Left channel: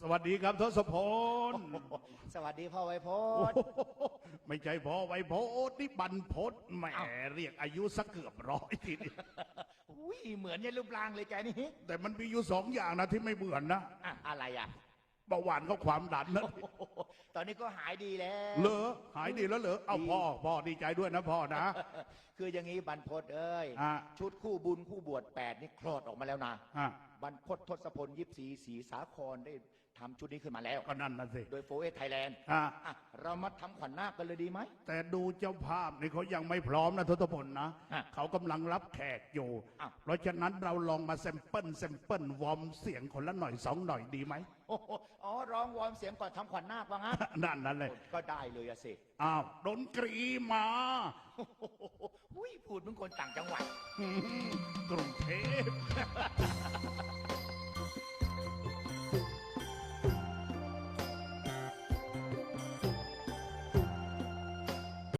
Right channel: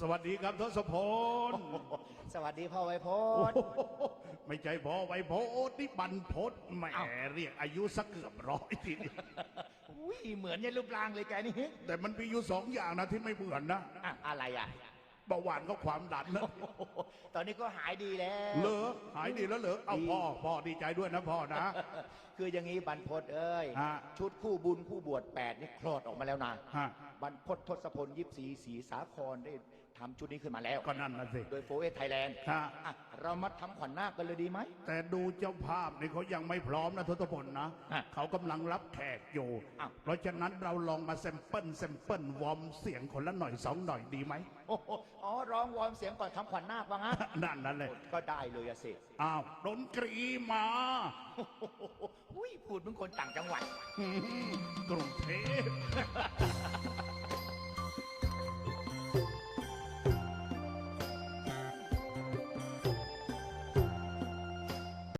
สวัสดีครับทศพลสวัสดีพ่อไวโพโอ้ดโหไม่ใช่พอไวโพดนี่บรรพศแหมอ้าว เรียกอายุสักเกือบร้อยทีเดียวอุ้ยเหมือนเนี่ยรูปร่างเลยแกนี่แต่มันมีอยู่สองอย่างนะที่ไม่เหมือนนะอะอะไรอะเบาหวานก็ความดันนะโอ้โหตอนนี้ก็หายดีแล้ว เหรอหายดีแล้วเหรอเอาพ่อพ่อดีใจด้วยนะพ่อนะ คืออย่างนี้บรรพตเอ้ย ฮะ ชุดคู่บุญคู่บวชแปดนี่คลอดออกมาแล้วนะ ฮะบรรพตทศพลยิบสีสีสาครได้ทำชุดนี้ขึ้นมาแล้ว ก็นั่นนะสิ โดยโฟเอสไทยแลนด์ฮะเรามาทำขวัญนาคกันเลยดีไหม แต่ดูเจ้าภาพเนี่ยเขายังไม่พร้อมนะทศพลนะฮะเขากำลังรับแขกอยู่ อ้าว เพราะฉะนั้นเราลองมาแซมเปิลแซมเปิลวอร์มเสียงคนละหน่อยสองหน่อยดีไหม โอ้โหอ๋อร้องวอร์มเสียงก่อนทำขวัญนาคว่างั้นนั่นนั่นเลยก็ได้เลยอะสิอ้าวดนตรีมา โอ้โหอุ้ยพูดเหมือนคนต่างจังหวัดกรุงเทพ